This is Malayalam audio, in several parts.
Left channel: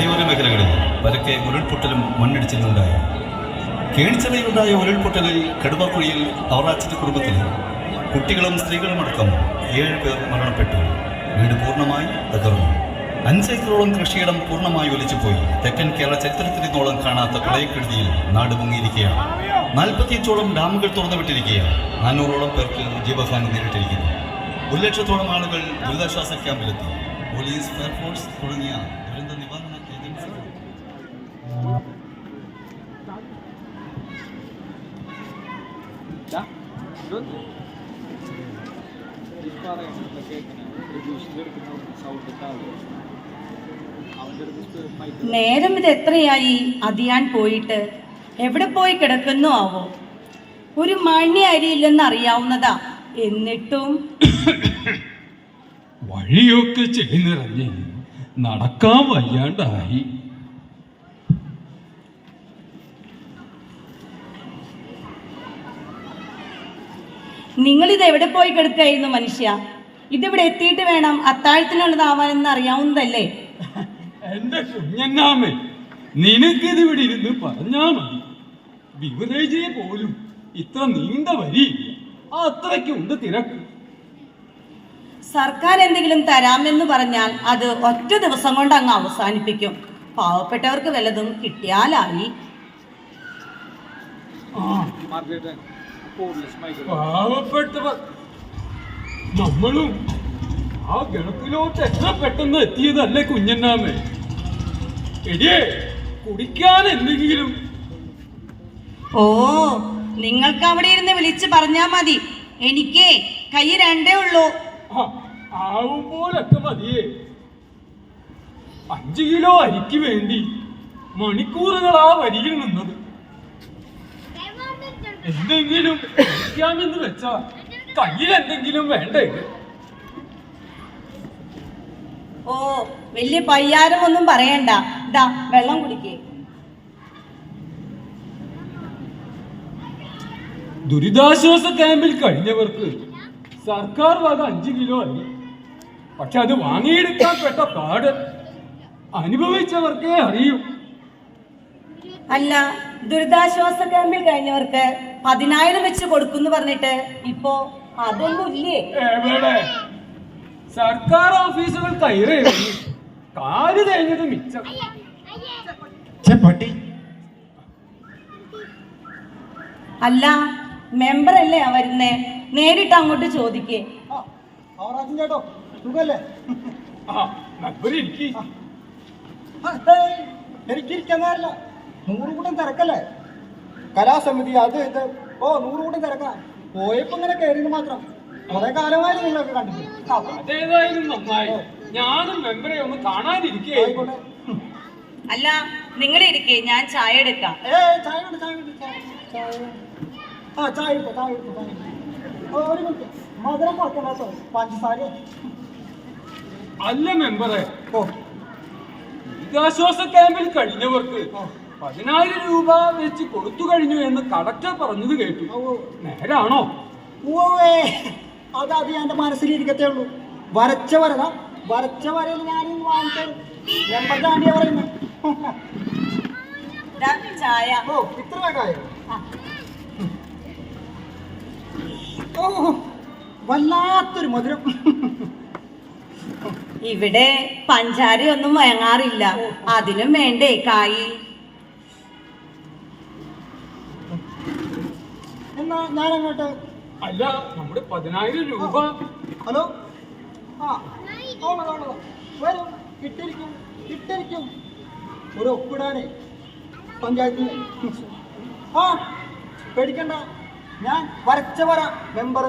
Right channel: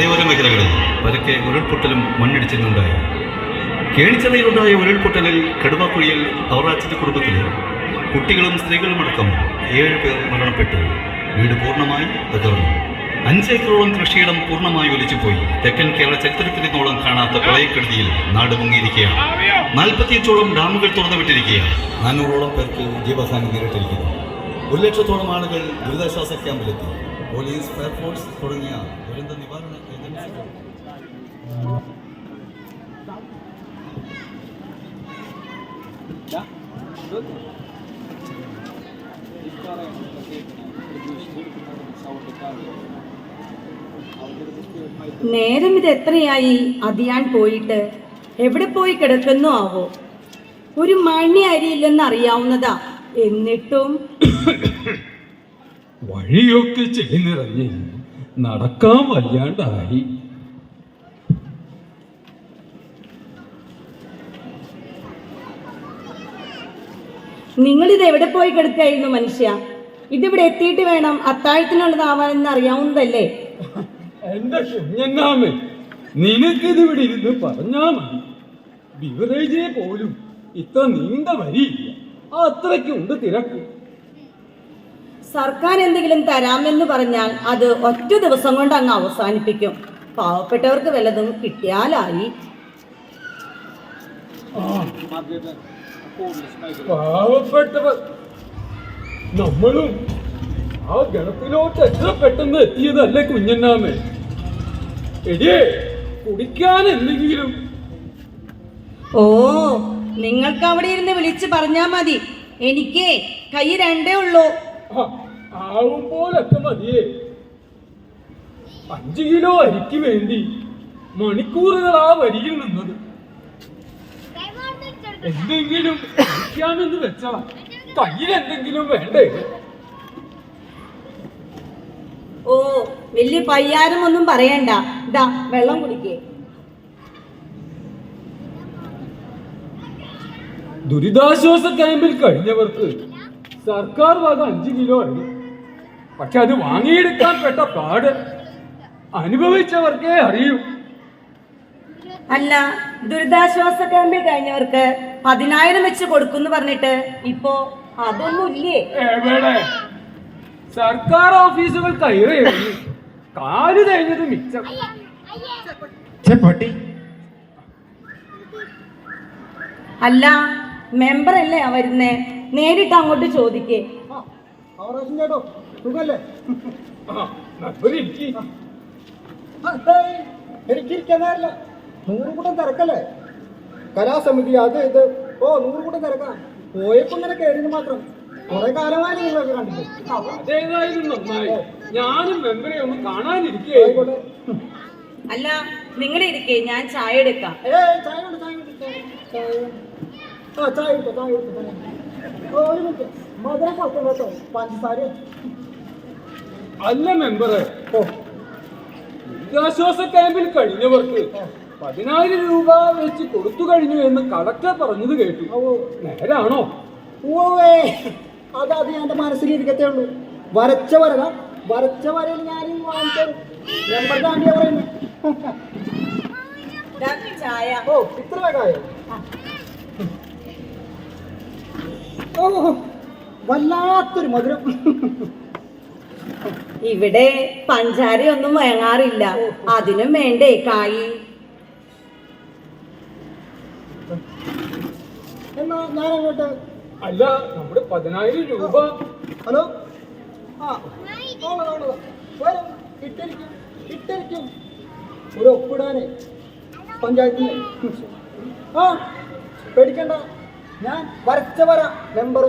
മലയോര മേഖലകളിൽ പരക്കെ ഉരുൾപൊട്ടലും മണ്ണിടിച്ചിലുണ്ടായി. കേണിച്ചതയിലുണ്ടായ ഉരുൾപൊട്ടലിൽ കടുവാക്കുഴിയിൽ അവറാച്ചത്തെ കുടുംബത്തിലെ കുട്ടികളും സ്ത്രീകളും അടക്കം ഏഴ് പേർ മരണപ്പെട്ടു. വീട് പൂർണമായി തകർന്നു. അഞ്ചേക്കറോളം കൃഷിയിടം പൂർണമായി ഒലിച്ചുപോയി. തെക്കൻ കേരള ചരിത്രത്തിലിന്നോളം കാണാത്ത പ്രളയക്കെടുതിയിൽ നാട് മുങ്ങിയിരിക്കുകയാണ്. നാൽപ്പത്തിയെട്ടോളം ഡാമുകൾ തുറന്നുവിട്ടിരിക്കുകയാണ്. നാനൂറോളം പേർക്ക് ജീവഹാനി നേരിട്ടിരിക്കുന്നു. ഒരു ലക്ഷത്തോളം ആളുകൾ ദുരിതാശ്വാസ ക്യാമ്പിലെത്തി. പോലീസ് ഫയർഫോഴ്സ് തുടങ്ങിയ ദുരന്ത നിവാരണ ഏജൻസികൾ. നേരം ഇത് എത്രയായി? അതിയാൻ പോയിട്ട് എവിടെ പോയി കിടക്കുന്നു ആവോ? ഒരു മണി അരിയില്ലെന്ന് അറിയാവുന്നതാ. എന്നിട്ടും വഴിയൊക്കെ ചെയ്നിറങ്ങി നടക്കാൻ വയ്യാണ്ടായി. നിങ്ങളിത് എവിടെ പോയി കിടക്കായിരുന്നു മനുഷ്യ? ഇതിവിടെ എത്തിയിട്ട് വേണം അത്താഴത്തിനുള്ളതാവാനെന്ന് അറിയാവുന്നതല്ലേ? എന്റെ കുഞ്ഞന്നാമേ നിനക്കിതിവിടെ ഇരുന്ന് പറഞ്ഞാ മതി. ബിവറേജേ പോലും ഇത്ര നീണ്ട വരി അത്രയ്ക്കുണ്ട് തിരക്ക്. സർക്കാർ എന്തെങ്കിലും തരാമെന്ന് പറഞ്ഞാൽ അത് ഒറ്റ ദിവസം കൊണ്ട് അങ്ങ് അവസാനിപ്പിക്കും. പാവപ്പെട്ടവർക്ക് വല്ലതും കിട്ടിയാലായി. പാവപ്പെട്ടവർ. നമ്മളും ആ ഗണത്തിലോട്ട് എത്ര പെട്ടെന്ന് എത്തിയതല്ലേ കുഞ്ഞന്നാമേ. എടിയേ കുടിക്കാൻ എന്തെങ്കിലും? ഓ നിങ്ങൾക്ക് അവിടെ ഇരുന്ന് വിളിച്ച് പറഞ്ഞാ മതി. എനിക്ക് കൈ രണ്ടേ ഉള്ളൂ. ആ, ആവും പോലൊക്കെ മതിയേ. അഞ്ചു കിലോ അരിക്ക് വേണ്ടി മണിക്കൂറുകൾ ആ വരിയിൽ നിന്നത്. എന്തെങ്കിലും കഴിക്കാമെന്ന് വെച്ചാ കയ്യിൽ എന്തെങ്കിലും വേണ്ടേ? ഓ വലിയ പയ്യാരം ഒന്നും പറയണ്ട. ഇതാ വെള്ളം കുടിക്കേ. ദുരിതാശ്വാസ ക്യാമ്പിൽ കഴിഞ്ഞവർക്ക് സർക്കാർ വക അഞ്ചു കിലോ ആയി. പക്ഷെ അത് വാങ്ങിയെടുക്കാൻ പെട്ട പാട് അനുഭവിച്ചവർക്കേ അറിയൂ. അല്ല ദുരിതാശ്വാസ ക്യാമ്പിൽ കഴിഞ്ഞവർക്ക് പതിനായിരം വെച്ച് കൊടുക്കുന്നു പറഞ്ഞിട്ട് ഇപ്പോ അതൊന്നും ഇല്ലേ സർക്കാർ ഓഫീസുകൾ കയറി. കാൽ കഴിഞ്ഞത് മിച്ചം. അല്ല മെമ്പർ അല്ലേ വരുന്നേ? നേരിട്ട് അങ്ങോട്ട് ചോദിക്കേ. എനിക്കിരിക്കുന്നതല്ല നൂറ് കൂട്ടം തിരക്കല്ലേ? കലാസമിതി അത് ഇത്. ഓ നൂറ് കൂട്ടം തിരക്കാം. പോയപ്പോ ഇങ്ങനെ കയറിയത് മാത്രം. കുറെ കാലമായി നിങ്ങളൊക്കെ കണ്ടിട്ട്. അതേതായാലും നന്നായി. ഞാനും മെമ്പറെ ഒന്ന് കാണാനിരിക്കേ. അല്ല നിങ്ങളെ ഇരിക്കേ ഞാൻ ചായ എടുക്കാം. ഏ ചായ ചായ. ആ ചായ ചായ മധുരം കുറക്കണം കേട്ടോ പഞ്ചസാര അല്ല മെമ്പറെ. ഓ. ദുരിതാശ്വാസ ക്യാമ്പിൽ കഴിഞ്ഞവർക്ക് പതിനായിരം രൂപ വെച്ച് കൊടുത്തു കഴിഞ്ഞു എന്ന് കളക്ടർ പറഞ്ഞത് കേട്ടു. നേരാണോ? ഓവേ അത് അത് എന്റെ മനസ്സിലിരിക്കത്തേ ഉള്ളൂ. വരച്ച വരത. വരച്ച വരയിൽ ഞാൻ പറയുന്നത് ദാ ചായ. ഓ ഇത്ര വേഗായോ ഓ വല്ലാത്തൊരു മധുരം. ഇവിടെ പഞ്ചാരയൊന്നും വാങ്ങാറില്ല അതിനും വേണ്ടേ കായി? എന്നാ ഞാൻ അങ്ങോട്ട് അല്ല നമ്മുടെ പതിനായിരം രൂപ. ഹലോ? ആ ഇട്ടിരിക്കും ഇട്ടിരിക്കും. ഒരു ഒപ്പിടാനേ. പഞ്ചായത്തിന്. ആ പേടിക്കണ്ട. ഞാൻ വരച്ച വര മെമ്പർ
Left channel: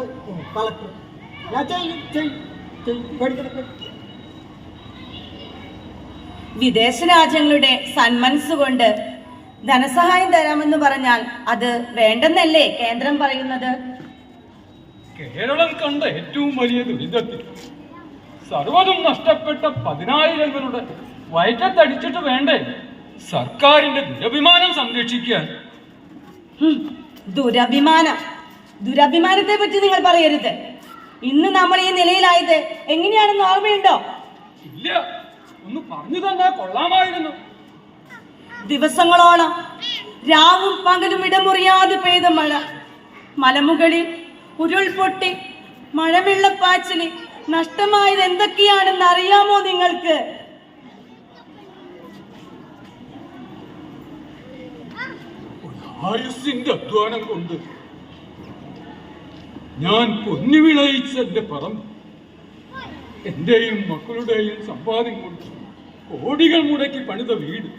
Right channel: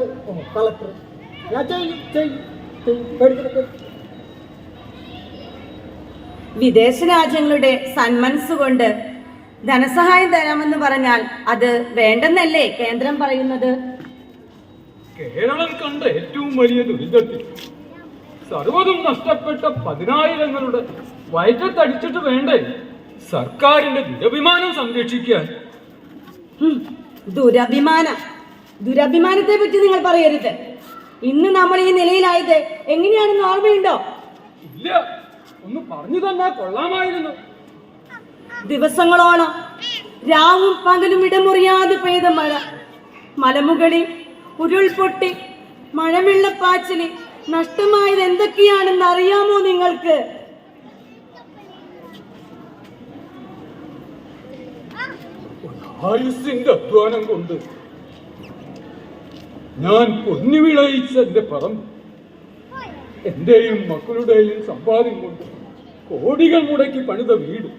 കളക്ടർ ഞാൻ ചെയ്യും ചെയ്യും വിദേശ രാജ്യങ്ങളുടെ സന്മനസ് കൊണ്ട് ധനസഹായം തരാമെന്ന് പറഞ്ഞാൽ അത് വേണ്ടെന്നല്ലേ കേന്ദ്രം പറയുന്നത്? കേരളം കണ്ട ഏറ്റവും വലിയ ദുരിതത്തിൽ സർവതും നഷ്ടപ്പെട്ട പതിനായിരങ്ങളുടെ വയറ്റത്തടിച്ചിട്ട് വേണ്ടേ? സർക്കാരിന്റെ ദുരഭിമാനം സംരക്ഷിക്കാൻ. ദുരഭിമാനം. ദുരഭിമാനത്തെ പറ്റി നിങ്ങൾ പറയരുത്. ഇന്ന് നമ്മൾ ഈ നിലയിലായത് എങ്ങനെയാണെന്ന് ഓർമ്മയുണ്ടോ? ഇല്ല. ഒന്ന് പറഞ്ഞു തന്നാ കൊള്ളാമായിരുന്നു. ദിവസങ്ങളോളം രാവും പകലും ഇടമുറിയാതെ പെയ്ത മഴ. മലമുകളിൽ ഉരുൾപൊട്ടി മഴവെള്ളപ്പാച്ചിൽ നഷ്ടമായത് എന്തൊക്കെയാണെന്ന് അറിയാമോ നിങ്ങൾക്ക്? ആയുസിന്റെ അധ്വാനം കൊണ്ട് ഞാൻ പൊന്നു വിളയിച്ച എന്റെ പറമ്പ് എന്റെയും മക്കളുടെയും സമ്പാദ്യം കൊണ്ട് കോടികൾ മുടക്കി പണിത വീട്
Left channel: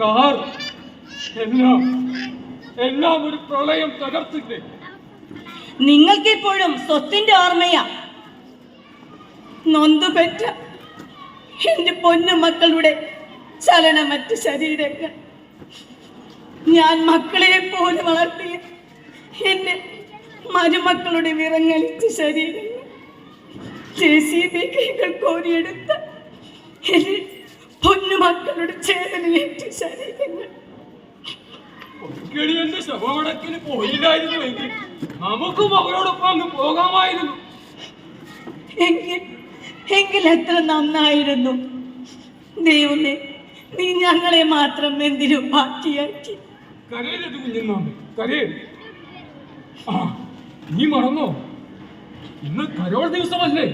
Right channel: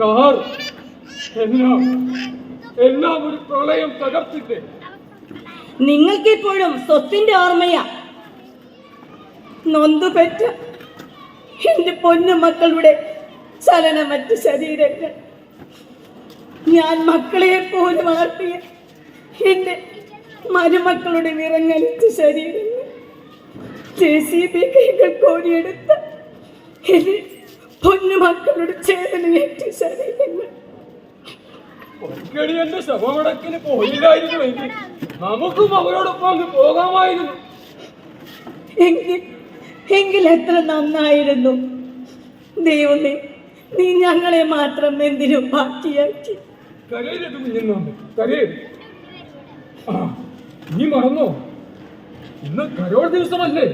കാർ എല്ലാം എല്ലാം ഒരു പ്രളയം തകർത്തില്ലേ നിങ്ങൾക്കിപ്പോഴും സ്വത്തിന്റെ ഓർമ്മയാ? നൊന്തുപെറ്റ എന്റെ പൊന്നു മക്കളുടെ ചലനമറ്റ ശരീരങ്ങൾ. ഞാൻ മക്കളെ പോലെ വളർത്തിയ എന്റെ മരുമക്കളുടെ വിറങ്ങലിച്ച ശരീരങ്ങൾ ജെ സി ബി കൈകൾ കോരിയെടുത്ത എന്റെ പൊന്നു മക്കളുടെ ചേതനയേറ്റ ശരീരങ്ങൾ. ഒരിക്കടി എന്റെ ശവമടക്കിന് പോയില്ലായിരുന്നുവെങ്കിൽ നമുക്കും അവരോടൊപ്പം അങ്ങ് പോകാമായിരുന്നു. എങ്കിൽ എങ്കിൽ എത്ര നന്നായിരുന്നു. ദൈവമേ നീ ഞങ്ങളെ മാത്രം എന്തിനും ബാക്കിയാക്കി കരയരുത് കുഞ്ഞുണ്ണാമ്പ് കരയരുത് ആ നീ മറന്നോ? ഇന്ന് കരോൾ ദിവസമല്ലേ?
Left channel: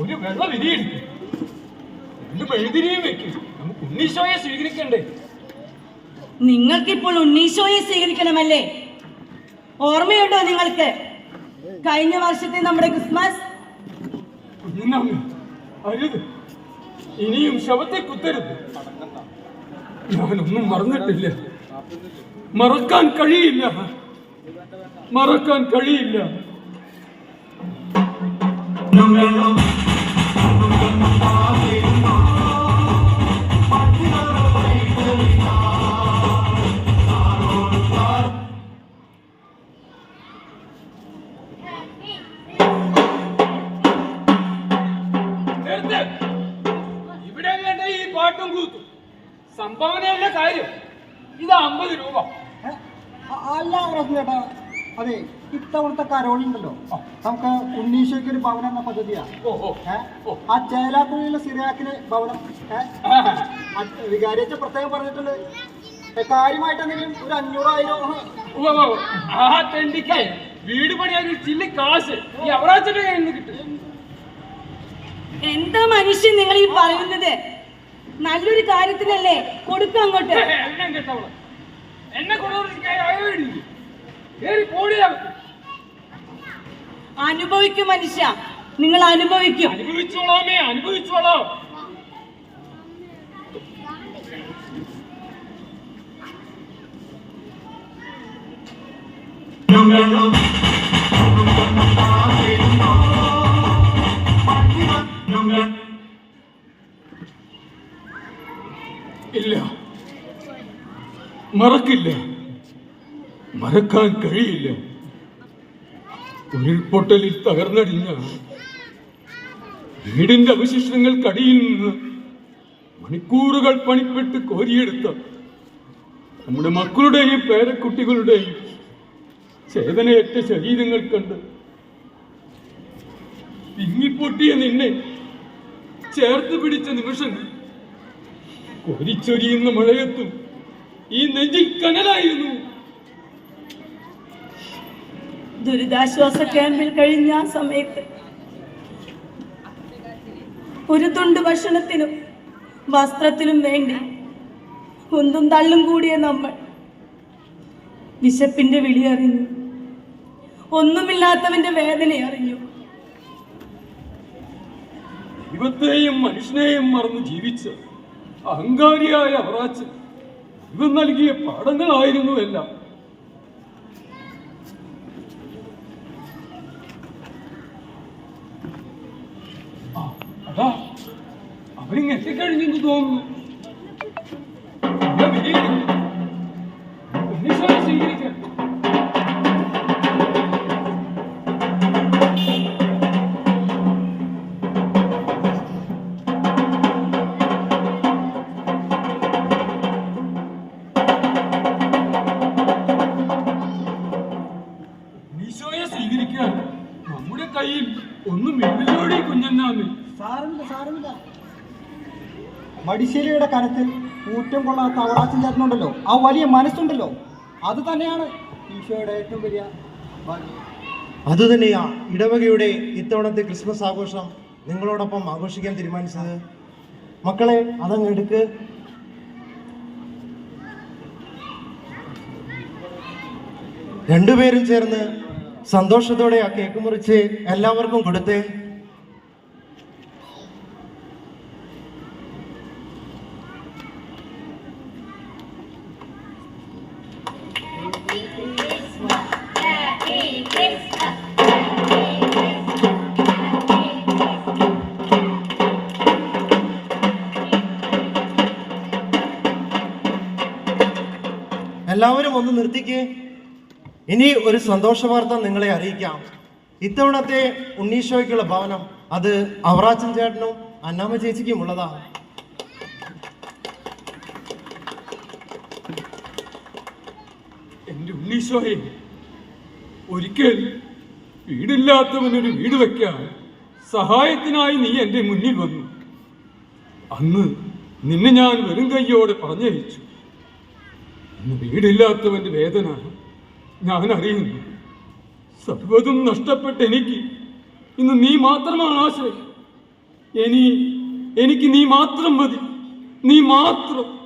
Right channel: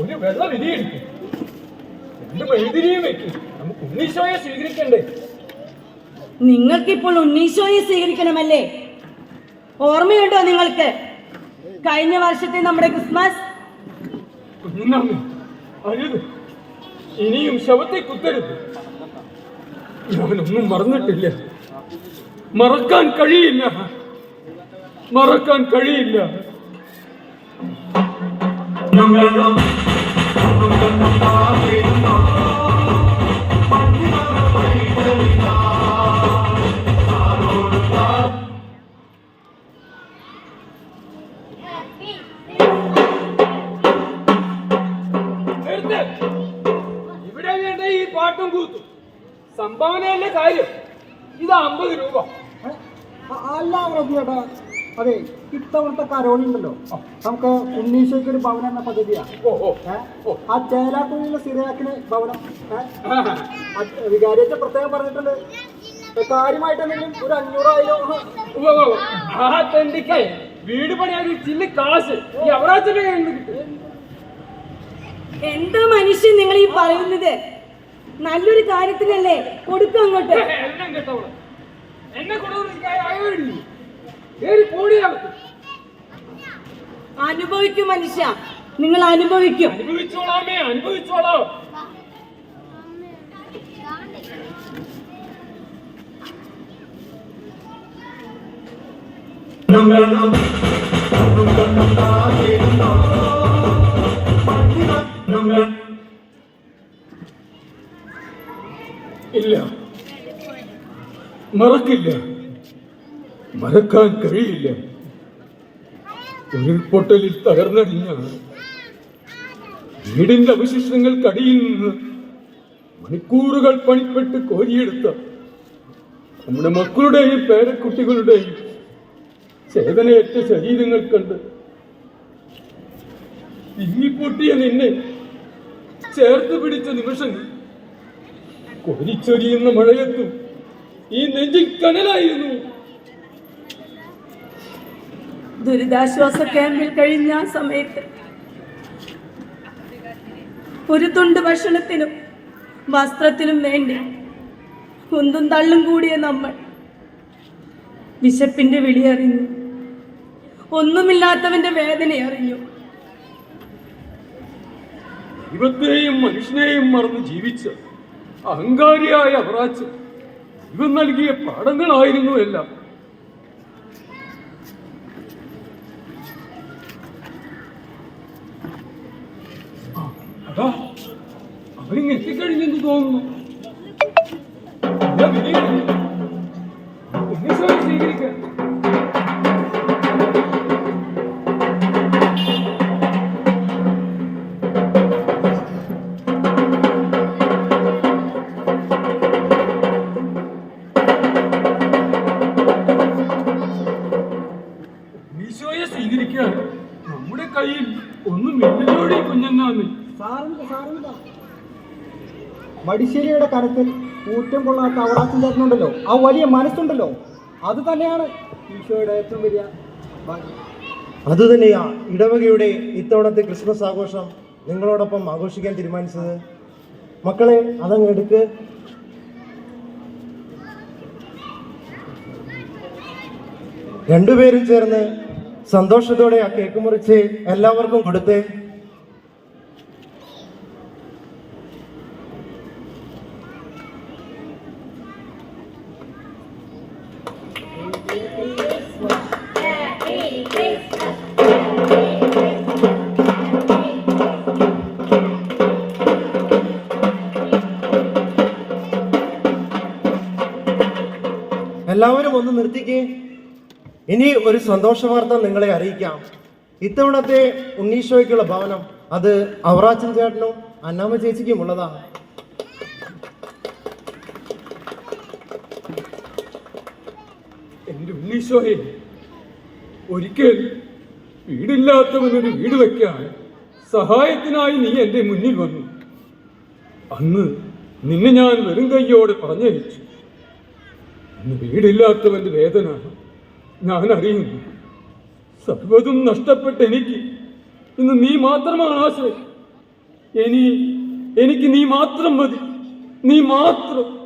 ഒരു വെള്ളം വിരിയെടുക്കും രണ്ട് മെഴുതിരിയും വെക്കും. നമുക്ക് ഉണ്ണീശോയെ സ്വീകരിക്കണ്ടേ? നിങ്ങൾക്കിപ്പോൾ ഉണ്ണീശോയെ സ്വീകരിക്കണമല്ലേ? ഓർമ്മയുണ്ടോ നിങ്ങൾക്ക്? കഴിഞ്ഞ വർഷത്തെ നമ്മുടെ ക്രിസ്മസ്? ഇനിയും ശവത്തെ കുത്തരുത്. ഞാനൊന്നും മറന്നിട്ടില്ല. മറക്കാൻ കഴിയില്ല. മറക്കാൻ കഴിയില്ല. കാര്യം? ഇത് അമ്പത് രൂപ? അല്ല അതെ ഇത്തവണത്തെ കരോളുണ്ടല്ലോ നമുക്ക് ഉണ്ണീശോയ്ക്ക് ഒരു ഭവനം എന്ന പദ്ധതിയാ. ഓ ഓ ആ ചേലാക്കുള്ളിലെ സിറിയാക്കിന് ഭവനം. വികാരിയച്ച പ്രത്യേകം പറഞ്ഞിട്ടുണ്ട്. ഏ, കാര്യമായിട്ട് എന്തെങ്കിലും ഒരു അഞ്ഞൂറായിരം. ആ. തെണ്ടിക്ക് വീട് പണിയാൻ ഒരു ചില്ലി കാശ് ഈ അവറാച്ചന്റെ കയ്യിൽ നിന്ന് കിട്ടും. എന്താ മനുഷ്യൻ നിങ്ങൾ ഈ പറയുന്നത്? നല്ലൊരു കാര്യത്തിനല്ലേ? കൊടുക്കും അങ്ങോട്ട്. അനുഭവിക്കും മനുഷ്യ. നിങ്ങൾ അനുഭവിക്കും. അനുഭവിച്ചോളാമേ അനുഭവിച്ചോളാം. മറക്കില്ല. മറക്കാൻ കഴിയില്ല. ഉരുൾപൊട്ടലിൽ തകർന്നടിഞ്ഞ വീടിന്റെ അവശിഷ്ടങ്ങൾക്കടിയിൽ നിന്ന് മണിക്കൂറുകൾ പണിപ്പെട്ട് കോരിയെടുത്ത നമ്മുടെ മക്കളുടെയും പേരക്കുട്ടികളുടെയും ചേതനയേറ്റ ശരീരങ്ങൾ കണ്ട് തിങ്ങിപ്പൊട്ടിയ നിന്നെ ചേർത്ത് പിടിച്ച നിമിഷങ്ങൾ കൊതിച്ചൊരിയുന്ന മഴയത്തും ഈ നെഞ്ചിൽ കനലായിരുന്നു ദുരിതാശ്വാസ ക്യാമ്പിൽ കഴിഞ്ഞ സമയത്ത് ഒരു തുണ്ട് ഭക്ഷണത്തിനും വസ്ത്രത്തിനും വേണ്ടി കുന്തും തള്ളും കൂടിയ നമ്മൾ വിശപ്പിന്റെ വിളി അറിഞ്ഞു. ഒന്നുമില്ലാത്തവന്റെ വേദന അറിഞ്ഞു. ദൈവത്തെയും മനുഷ്യനെയും മറന്ന് ജീവിച്ച അഹങ്കാരിയായ അവറാച്ച് ദൈവം നൽകിയ പാഠങ്ങളായിരുന്നു എല്ലാം. അവരിങ് എത്തിക്കഴിഞ്ഞെന്ന് തോന്നുന്നു. ഞാൻ വിജയിക്കുന്നു. സ്വീകരിക്കാം അടിശ്ശേരിയുടെ കരത്തിൽ ഊറ്റം കൊള്ളാത്ത അവകാശം ചേട്ടനുണ്ടല്ലോ ആ വലിയ മനസ്സുണ്ടല്ലോ. അത് തന്നെയാണ് ഈശോയുടെ ഏറ്റവും വലിയ അതുതന്നെയാ ഇടവകയുടെ ഇത്തവണത്തെ ക്രിസ്മസ് ആഘോഷം നിങ്ങളോടൊപ്പം ആഘോഷിക്കാൻ തീരുമാനിച്ചത്. മക്കളെ അതങ്ങ് എടുക്ക്. രണ്ടുപേരും ചേർന്ന് സന്തോഷത്തോടെ ആ കേക്ക് മുറിച്ച് എല്ലാവർക്കും കൊടുത്തേ. ഒന്ന് നിർത്തിക്കേ. ഇനി ഒരു സന്തോഷ വാർത്ത നിങ്ങളെ അറിയിക്കാം. ഇത്തവണത്തെ ഉണ്ണീഷോയ്ക്കുള്ള ഭവനം അത് അവറാച്ചൻ ചേട്ടനും അന്നാമ്മ ചേച്ചിക്കും ഉള്ളതാ. എന്റെ ഉണ്ണീശോയെ ഒരിക്കൽ വീടില്ലാത്തവനൊരു വീട് വെക്കാൻ സഹായത്തിനായി നീ എന്റെ മുന്നിൽ വന്നു. അന്ന് നിന്നെ ഞാൻ വെറും കയ്യോടെ പറഞ്ഞയച്ചു. ഇന്ന് വീടില്ലാത്തവന്റെ വേദന ഞാൻ അറിയുന്നു സർവതും നഷ്ടപ്പെട്ട എനിക്ക് ഇന്ന് നീ മാത്രമാണ് ആശ്രയം. ഇനി എനിക്ക് നീ മാത്രം മതി. നീ മാത്രം.